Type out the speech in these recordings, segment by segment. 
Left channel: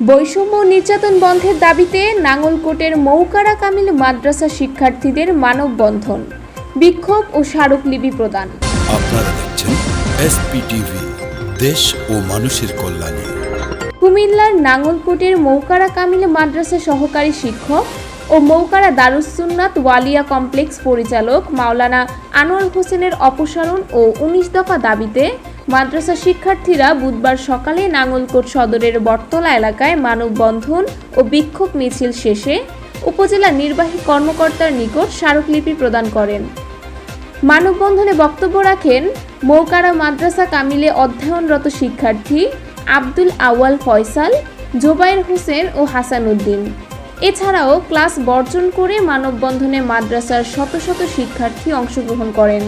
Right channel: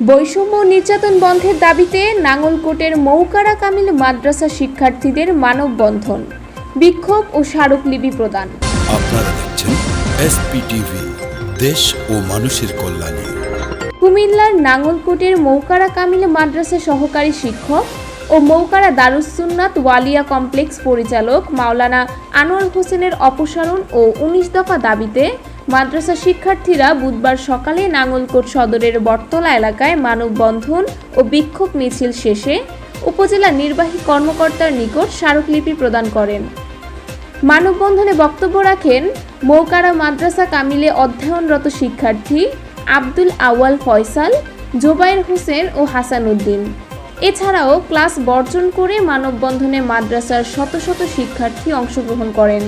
বৈষম্য নির্যাতন বন্ধের দাবিতে নাঙ্গলকোটের মৌকারা কামিল মাদ্রাসা শিক্ষার্থীদের মানববন্ধন, বিক্ষোভ ও স্মারকলিপি প্রদান। আপনারা দেখছেন এসপিটিভি, দেশ ও মানুষের কল্যাণে। কুমিল্লার নাঙ্গলকোটের মৌকারা কামিল মাদ্রাসা সহকারী শিক্ষক ও মৌকারা দারুস সুন্নাত ওয়ালিয়া কমপ্লেক্স পরিচালক মাওলানা আনোয়ার হোসেনের অপসারণ ও ১৯ দফা দাবিতে মাদ্রাসা শিক্ষার্থীরা বুধবার সকালে নাঙ্গলকোট সদরের বটতলা এলাকায় মানববন্ধন ও বিক্ষোভ মিছিল শেষে উপজেলা নির্বাহী কর্মকর্তার নিকট স্মারকলিপি প্রদান করেন। মানববন্ধনে বক্তব্য রাখেন মৌকারা মাদ্রাসা কামিলে অধ্যয়নরত শিক্ষার্থী আব্দুল আওয়াল ফয়সাল, জোবায়ের হোসেন ও হাসান উদ্দিন। এছাড়াও ক্লাস বর্জন করে মানববন্ধনে মাদ্রাসার শত শত শিক্ষার্থী অংশগ্রহণ করেন।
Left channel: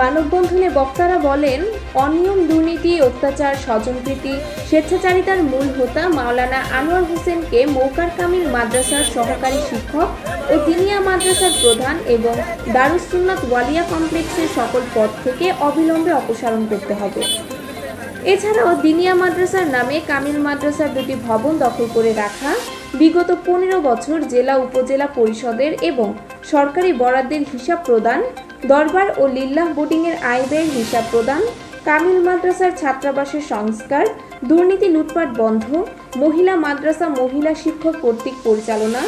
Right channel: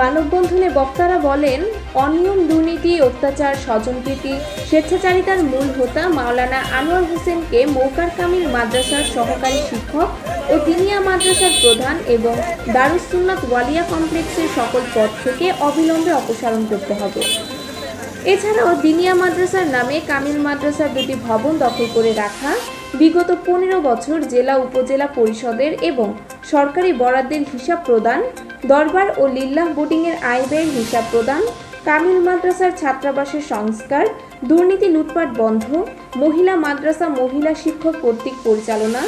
মানববন্ধনে বক্তারা বলেন, অনিয়ম, দুর্নীতি, অত্যাচার, স্বজনপ্রীতি, স্বেচ্ছাচারিতার মূল হোতা মাওলানা আনোয়ার হোসেনকে মৌকার কামিল মাদ্রাসার সহকারী শিক্ষক ও দিনিয়া মাদ্রাসার প্রধান এবং দারুস সুন্নাত ওয়ালিয়া কমপ্লেক্সের সকল পদ থেকে অবিলম্বে অপসারণ করতে হবে। এছাড়াও দিনিয়া মাদ্রাসার নামে কামিল মাদ্রাসার দুটি ভবন দখল করে রাখা, বিগত ১৫ বছর জেলা উপজেলা পরিষদের এবং সরকারি বরাদ্দের হিসাব প্রদান, দরবার ও লিল্লাহ বোর্ডিংয়ের আয় ব্যয়ের হিসাব প্রদান, কামিল মাদ্রাসার ছাত্রাবাসের সংস্কার, দুর্নীতি লুটপাট বন্ধ, মহিলা মাদ্রাসা মহিলা শিক্ষক কর্তৃক পরিচালনা,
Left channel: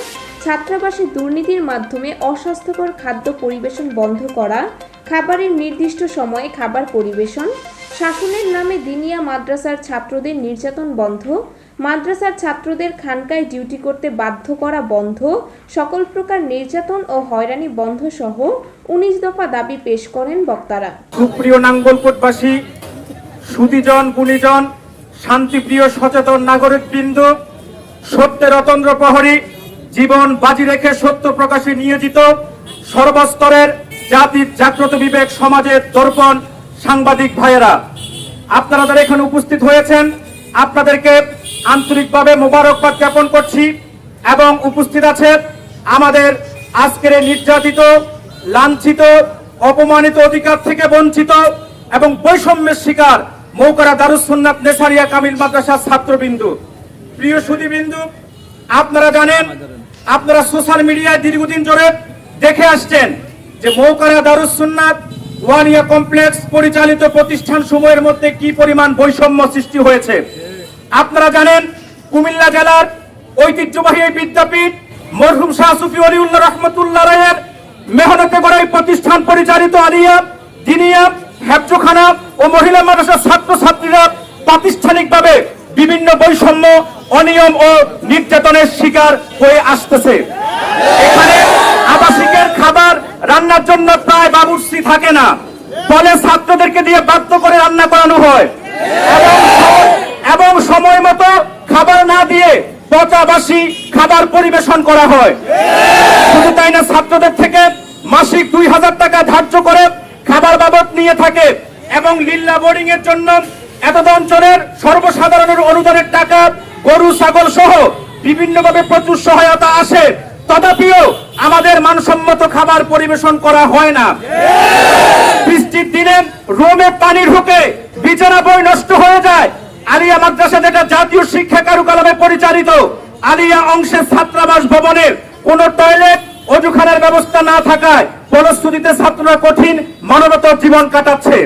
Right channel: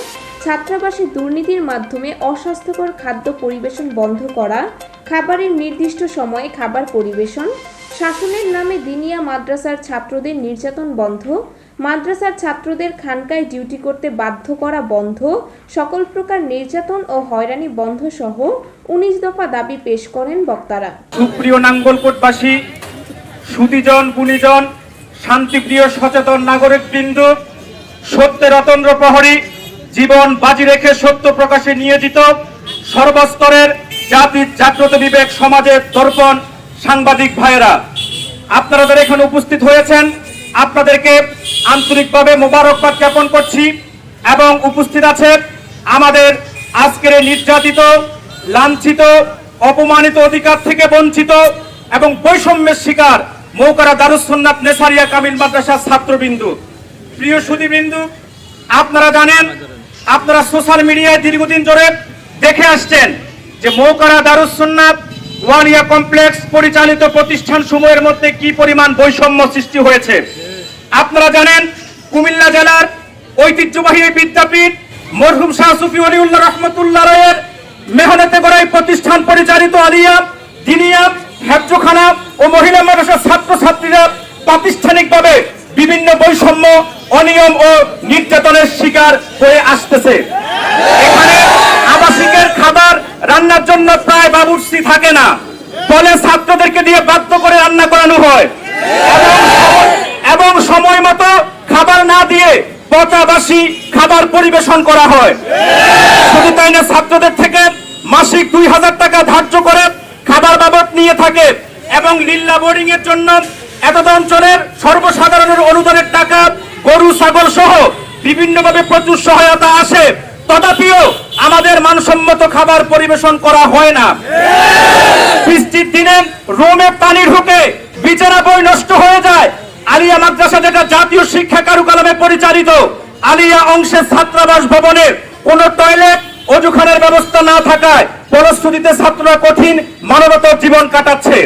ছাত্রাবাসে দুর্নীতির মাধ্যমে অস্বাস্থ্যকর খাদ্য পরিবেশন বন্ধ করা, খাবারের নির্দিষ্ট সময়ে খাবার পরিবেশন, শাসনের নামে দিনিয়া মাদ্রাসার ছাত্রদের নির্যাতন বন্ধ, মাদ্রাসার ছাত্রদের খানকায় ডিউটি করতে বাধ্য করা বন্ধ, সকল প্রকার নির্যাতন ও হয়রানি বন্ধ সহ ১৯ দফা দাবি পেশ করেন বক্তারা। সুপ্রিয় নাঙ্গলকোটবাসী, সুধীজন, গুণীজন, শান্তিপ্রিয় সচেতন নাগরিকবৃন্দ, সত্যের অতন্দ্র প্রহরী, জীবন বাজি রেখে সত্য প্রকাশে নিয়োজিত সর্বস্তরের জাতির জাগ্রত বিবেক সমাজের দর্পণ সাংবাদিক ভাইয়েরা, আপনারা যারা এখানে উপস্থিত হয়েছেন আপনাদেরকে আন্তরিকভাবে মোবারকবাদ জ্ঞাপন করছি। এবং উপস্থিত আছে আমাদের আজকের নির্যাতিত, লাঞ্ছিত, অপমানিত, অধিকার থেকে বঞ্চিত এবং বৈষম্যের শিকার মৌকারা দারুস সুন্নাত নেসারিয়া কামিল মাদ্রাসার ছাত্রবিন্দু। প্রিয় সুধীবৃন্দু, আপনারা জানেন, আপনারা সোশ্যাল মিডিয়ায় দীর্ঘদিন ধরে দেখে আসছেন যে মৌকারা দারুস সুন্নাত ওয়ালিয়া কমপ্লেক্স পরিচালিত প্রতিষ্ঠান সমূহের মধ্যে কি পরিমাণ বৈষম্য সৃষ্টি হয়েছে। আপনারা জানেন, কুমিল্লা জেলার ঐতিহ্যবাহী বিদ্যাপীঠ মরহুম শাহ সুফি ওলিউল্লাহ রহমতুল্লাহ রায়ের মেহনতে করে প্রতিষ্ঠান পরিচালিত আলিয়া, দিনিয়া, হেফজখানা ও মহিলা মাদ্রাসার ছাত্রছাত্রীরা প্রাতিষ্ঠানিকভাবে বিভিন্ন বৈষম্য, অনিয়ম ও নির্যাতনের শিকার হয়ে আসতেছে। এখানে আবাসিকের খাবার রান্নার জন্য প্রায় বাবুর্চি থাকে না, ফলে ছাত্রদেরকে দিয়ে বাধ্য করে রান্না করানো হয় এবং সময় মতো খাবার না দিয়ে পচাবাসি খাবার পরিবেশন করা হয়। শুধু তাই না, ছাত্রদের থেকে মাসিক ২,০০০ টাকা ধার্য করে খাবার বাবদ নিয়ে থাকে এবং লিল্লা বোর্ডিং এর জন্য এতদ অঞ্চলের সর্বসাধারণের অনুদানের টাকা, গরু ছাগল সহ বিভিন্নভাবে প্রচুর সহায়তা আসে, তথাপিও আমাদের মানসম্মত খাবার পরিবেশন করা হয় না। বৃষ্টির দিনে রোমে পানি ঢুকে বিছানা বই নষ্ট হয়ে যায়। আলিয়া মাদ্রাসা, যেটা জাতীয় শিক্ষা কারুকালামে পরিচালিত, আলিয়া অংশের ছাত্রাবাস ভবনে কোন টয়লেট, অজুখানার ব্যবস্থা না থাকায় ফলশ্রুতিতে ছাত্ররা কঠিন মানবতার জীবন কাটাচ্ছে।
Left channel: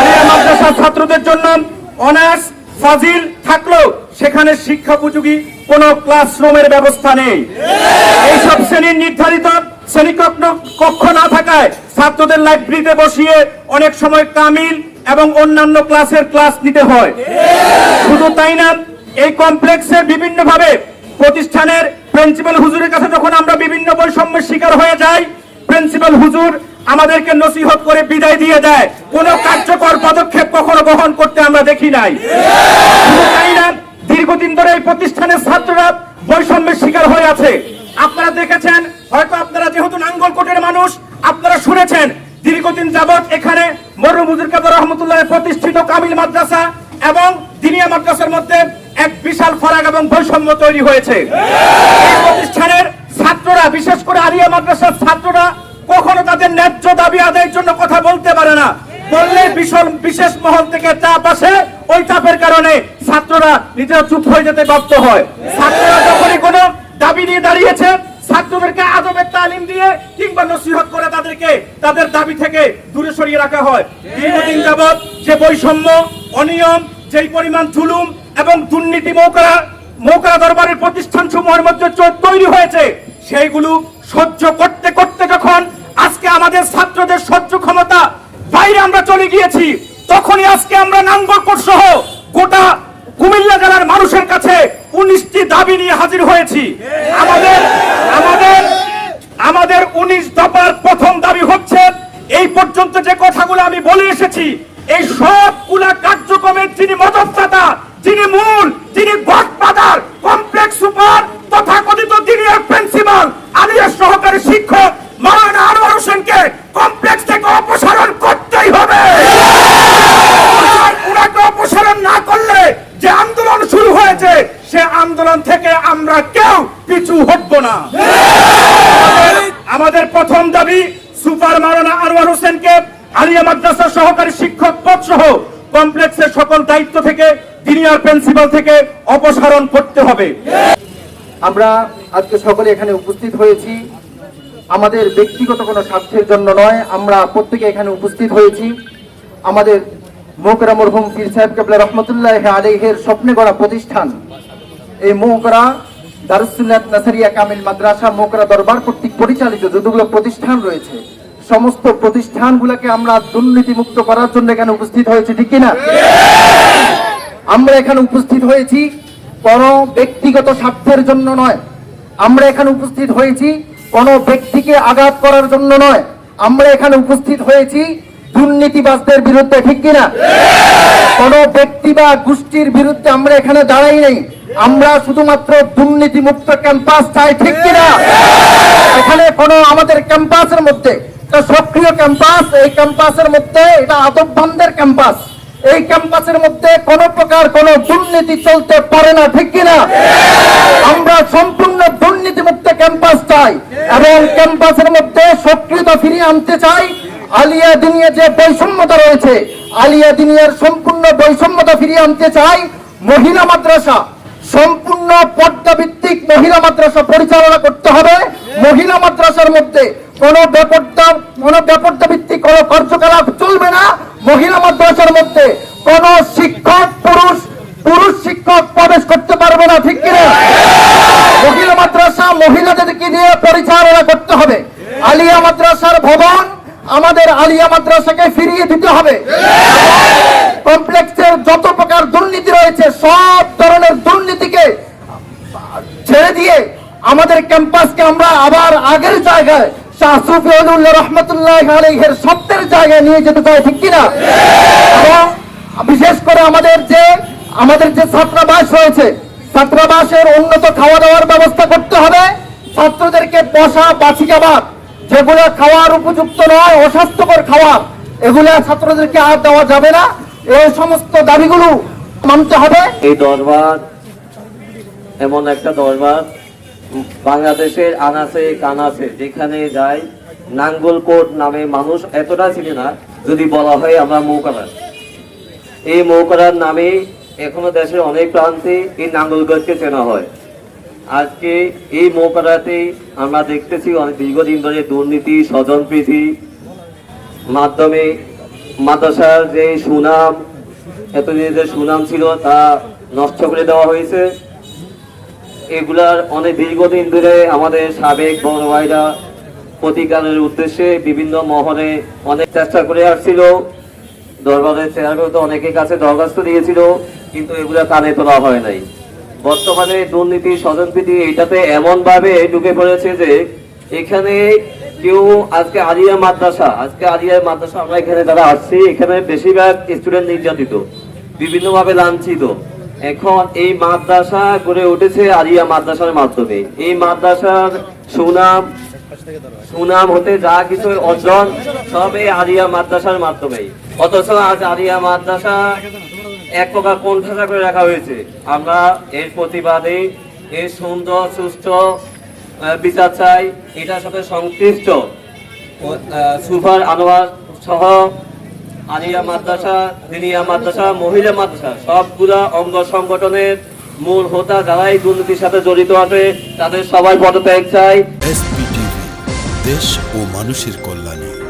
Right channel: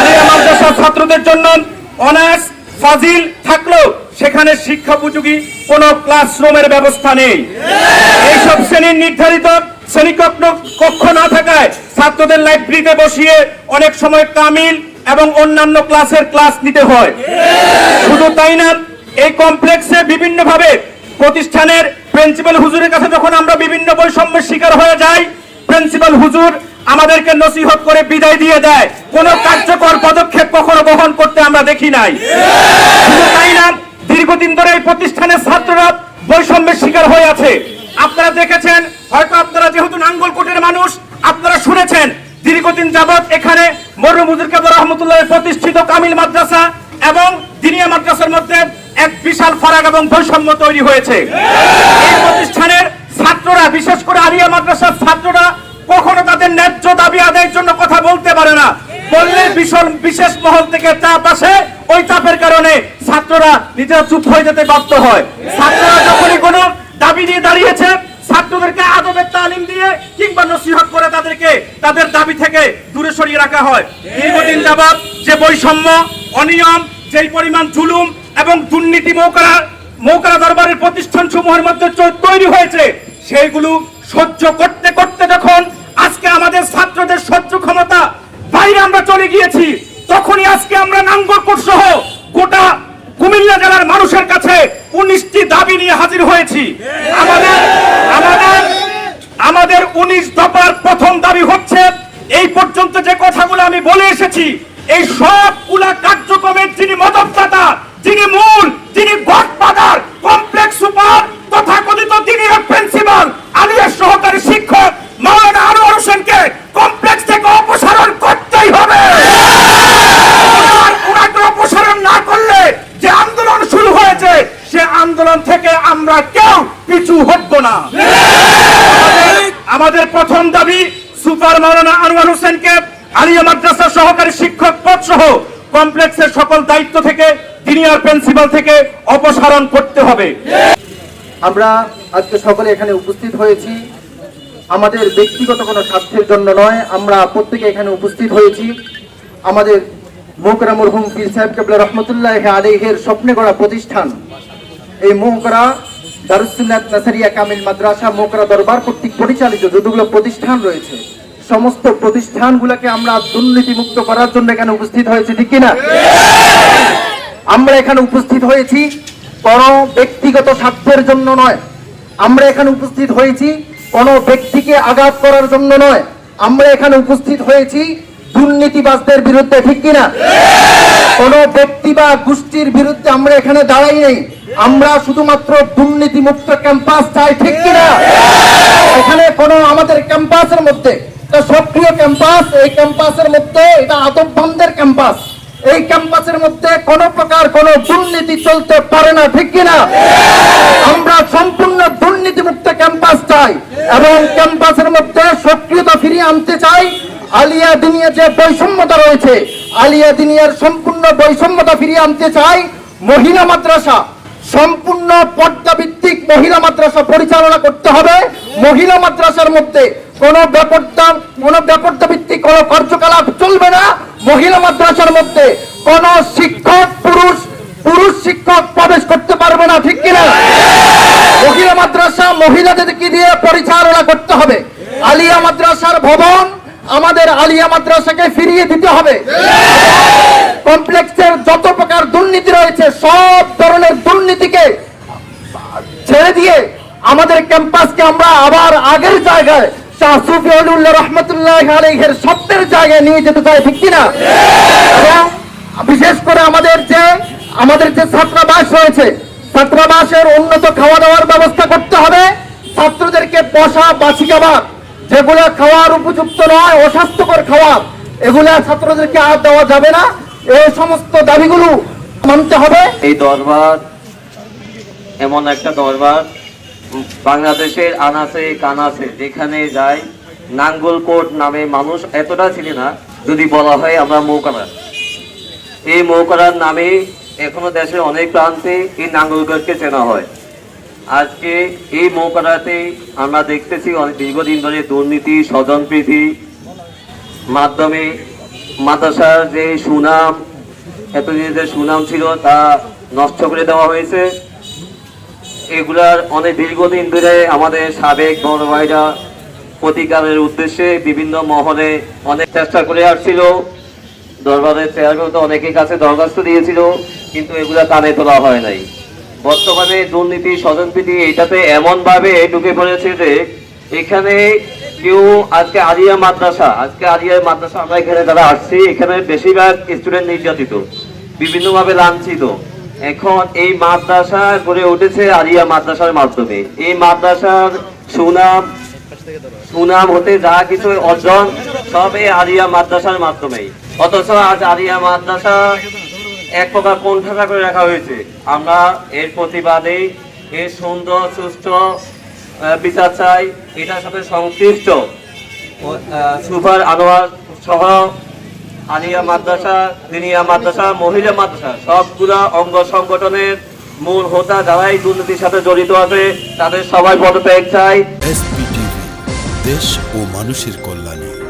আলিয়া মাদ্রাসার ছাত্রদের জন্য অনার্স, ফাজিল থাকলেও সেখানে শিক্ষাপোযোগী কোন ক্লাসরুমের ব্যবস্থা নেই। এইসব শ্রেণীর নির্ধারিত শ্রেণীকক্ষ না থাকায় ছাত্রদের লাইব্রেরিতে বসিয়ে অনেক সময় কামিল এবং অন্যান্য ক্লাসের ক্লাস নিতে হয়। শুধু তাই না, এই কমপ্লেক্সে বিভিন্নভাবে প্রতিষ্ঠানের প্রিন্সিপাল হুজুরের কাছে যখন আমরা বিভিন্ন বৈষম্যের শিকার হয়ে যাই, প্রিন্সিপাল হুজুর আমাদেরকে নসিহত করে বিদায় দিয়ে দেয়, কোন কার্যকর পদক্ষেপ কখনো গ্রহণ করতে আমরা দেখি নাই। শুধু তাই না, দীর্ঘদিন ধরে এই প্রতিষ্ঠানের ছাত্ররা বৈষম্যের শিকার হয়ে আছে। আপনারা দেখেছেন, হয়তো আপনারা যেহেতু নাঙ্গলকোটের মানুষ, আপনারা শুনেছেন দীর্ঘদিন যাবৎ এখানে মরহুম হুজুর কেবলা রহমতুল্লাহ প্রতিষ্ঠিত কামিল মাদ্রাসা এবং দিনিয়া মাদ্রাসার মধ্যে এক বিশাল ফারাক এবং বৈষম্য তৈরি হয়েছে। এই প্রতিষ্ঠানের ছাত্ররা, বিশেষ করে আলিয়া মাদ্রাসার ছাত্ররা কখনো তাদের ন্যায্য দাবি আদায়ের জন্য কথা বলতে পারে না। বললে বিশেষ মহল থেকে চাপ আসে, ওই চাপের কারণে ছাত্ররা নিজেরা চুপ হয়ে যেতে বাধ্য হয়। ছাত্ররা যখনই কোনো দাবি নিয়ে দাঁড়িয়েছে, ছাত্রদেরকে আদবের তালিম দিয়ে কিংবা নসিহত করে তাদেরকে তাদের দাবি থেকে দূরে সরিয়ে রাখা হয়। দীর্ঘদিন যাবৎ যে বৈষম্য, অনিয়ম, যেই পরিমাণ জুলুম এবং দুর্নীতি মৌকারা দরবারের প্রতিষ্ঠান সমূহের মধ্যে তৈরি হয়েছে, সেইগুলো সহ্য করতে করতে যখন আজকে আমাদের ছাত্রদের সহ্য ক্ষমতা বাইরে আমরা চলে গিয়েছি, তখনই আজকে আমরা নাঙ্গলকোট সহ গোটা কুমিল্লা জেলার মানুষের কাছে 19টি দাবি নিয়ে হাজির হয়েছি। আমাদের 19 দফার প্রথম দাবি হচ্ছে, এই পর্যন্ত যে কথাগুলো আমি বলে এসেছি, এই সবগুলা কার্যক্রমের যিনি মদতদাতা, যিনি মূল, যিনি গডফাদার, কমপ্লেক্স সুপার তথাকথিত জিনিয়র প্রিন্সিপাল আলিয়ার সহকারী শিক্ষক মাওলানা আনোয়ার হোসেনকে কমপ্লেক্স থেকে অপসারণ করতেই হবে। ওনাকে অপসারণ না করলে যে আন্দোলন শুরু হয়েছে, সে আন্দোলন থেকে আমরা কেউ পিছু হটব না। আমাদের প্রথম দাবি, সুপার মাওলানা আনোয়ার হোসেনকে আলিয়া মাদ্রাসা সহকারী শিক্ষক পদ সহ কমপ্লেক্সের সকল দায়িত্ব থেকে জিনিয়র প্রিন্সিপাল থেকে অপসারণ করতে হবে। আমরা আজকে সকলে এখানে উপস্থিত হয়েছি আমাদের ব্যক্তিগত কোনো স্বার্থের জন্য নয়। আমরা প্রত্যেকে এখানে উপস্থিত হয়েছি আমাদের মৌকরা মরহুম পীর সাহেব কেবলা রহমতুল্লাহ আলাইহির স্বপ্নে গড়া প্রতিষ্ঠান, এই মৌকরা দারুস সুন্নাত নাসারিয়া কামিল মাদ্রাসা মৌকরা দরবার কর্তৃক পরিচালিত যতগুলো প্রতিষ্ঠান রয়েছে, সমস্ত প্রতিষ্ঠানগুলোকে আমরা দুর্নীতিমুক্ত করার জন্য এখানে উপস্থিত হয়েছি, ঠিক কিনা? আমরা এখানে উপস্থিত হয়েছি কোন ব্যক্তিগত স্বার্থের জন্য নয়। আমরা এখানে উপস্থিত হয়েছি কোন ব্যক্তিকে আঘাত করার জন্য নয়। আমরা এখানে উপস্থিত হয়েছি দুর্নীতিবাজদের বিরুদ্ধে, ঠিক কিনা? কোন ব্যক্তি বা গোষ্ঠীর বিরুদ্ধে আমরা এখানে দাঁড়াই নেই। আমরা শুধুমাত্র দুর্নীতিমুক্ত ক্যাম্পাস চাই, ঠিক কিনা? এখানে কোন আমাদের ক্যাম্পাসের মধ্যে একটা সক্রিয় ক্যাম্পাস, এই ক্যাম্পাসের মধ্যে এটা আদববন্ধের ক্যাম্পাস, এই ক্যাম্পাসের মধ্যে কোন প্রকার কোন দুর্নীতি চলতে পারে না, ঠিক কিনা? আমরা সম্পূর্ণ দুর্নীতিমুক্ত ক্যাম্পাস চাই এবং ক্যাম্পাসের মধ্যে সক্রিয়তা ফিরিয়ে আনতে চাই। আলিয়া দিনিয়া যে বৈষম্যতা রয়েছে, আলিয়া দিনিয়ার সম্পূর্ণ বৈষম্যতা ফিরিয়ে আনতে চাই। মহিলা মাদ্রাসা সম্পূর্ণ পর্দাভিত্তিক মহিলা মাদ্রাসা পরিচালনা করতে হবে। মহিলা মাদ্রাসার মধ্যে কোন ব্যাপারটা ভিত্তিক কোন কার্যকলাপ চলবে না। মহিলা মাদ্রাসার মধ্যে কোন শিক্ষক পুরুষ শিক্ষক প্রবেশ করতে পারবে না, ঠিক কিনা? মহিলা মাদ্রাসা মহিলাদেরকে দিয়ে পরিচালনা করতে হবে। আলিয়া মাদ্রাসার ভবন আমাদের আলিয়া মাদ্রাসাকে ফিরিয়ে দিতে হবে। কমপ্লেক্সের যত প্রকার দুর্নীতি রয়েছে, সব ধরনের দুর্নীতিকে ছেড়ে দিয়ে আমাদের ক্যাম্পাসকে আমরা আবার আগের জায়গায় শাহ সুফিউল্লাহ রহমতুল্লাহ আলাইহির স্বপ্নের জায়গায় নিয়ে যেতে চাই, ঠিক কিনা? এবং বিশেষ করে আমাদের যে ছাত্রাবাস রয়েছে, ছাত্রাবাসের উন্নত খাওয়া দাওয়ার ব্যবস্থা করতে হবে। ছাত্রদেরকে বসা বাসি খাবার, যেগুলো খাওয়ার উপযুক্ত নয়, অস্বাস্থ্যকর খাবার, এগুলা ছাত্রদেরকে আর দেওয়া যাবে না। এই সমস্ত দাবিগুলো মানতে হবে। এই দরবার এমন একটা দরবার, বাংলাদেশের আনাচে কানাচে যেখানে যায় নাঙ্গলকোট নামে মানুষ এতটা চিনে না, যদি বলা হয় আমরা মৌকারা। এই মৌকারার নামে এখনো দেশের অনেক প্রান্তে এই নাঙ্গলকোটকে চেনা হয়। আজকে এই মৌকারাতে আমরা দেখতেছি অনেক দীর্ঘদিন ধরে দুর্নীতি, স্বজনপ্রীতি মাধ্যমে মাদ্রাসার যে সুনাম, এতদিনের যে সুনাম ছিল তা নষ্ট করে দেওয়া হয়েছে। এগুলার অনেক দীর্ঘদিন ধরে আমাদের সাবেক বড় ভাইরা প্রতিকারের উদ্দেশ্যে বিভিন্ন মহলে অনেক চেষ্টা করে আসছিল। দরবারের চেয়ারম্যান তো অনেকের কাছে দরখাস্ত দিয়েছিল, কিন্তু এগুলা কানে তোলা হয় নাই। বর্তমানে দুর্নীতি, স্বজনপ্রীতি এইটাতে এমন ভাবে ঢুকে পড়েছে যে এখানে কেউ আজকে আলিয়া মাদ্রাসা আমরা এখানে যারা আসছি, এখানে বেশিরভাগ স্টুডেন্ট নির্যাতিত, বিভিন্নভাবে লাঞ্ছিত। এখন এই মাদ্রাসা গড়ে উঠেছে আলিয়া মাদ্রাসার মাধ্যমে। এই মাদ্রাসার সুনাম হতে যা কিছু অর্জন সব এই আলিয়া মাদ্রাসার মাধ্যমেই। অথচ আজ আলিয়া মাদ্রাসা এক প্রকার কোণঠাসা করে রাখা হয়েছে। আমরা এর প্রতিবাদে এর সুন্দর সুষ্ঠু বিচার চাই। এটার সাথে সংশ্লিষ্ট সুপার আনোয়ার সহ আলিয়া মাদ্রাসা, দিনিয়া মাদ্রাসা, মহিলা মাদ্রাসা সবগুলা অঙ্গ সংগঠনের মূল হোতা যারাই দুর্নীতির সাথে জড়িত আছে তাদের সবাই পদত্যাগ চাই। এসপিটিভি দেশ ও মানুষের কল্যাণে।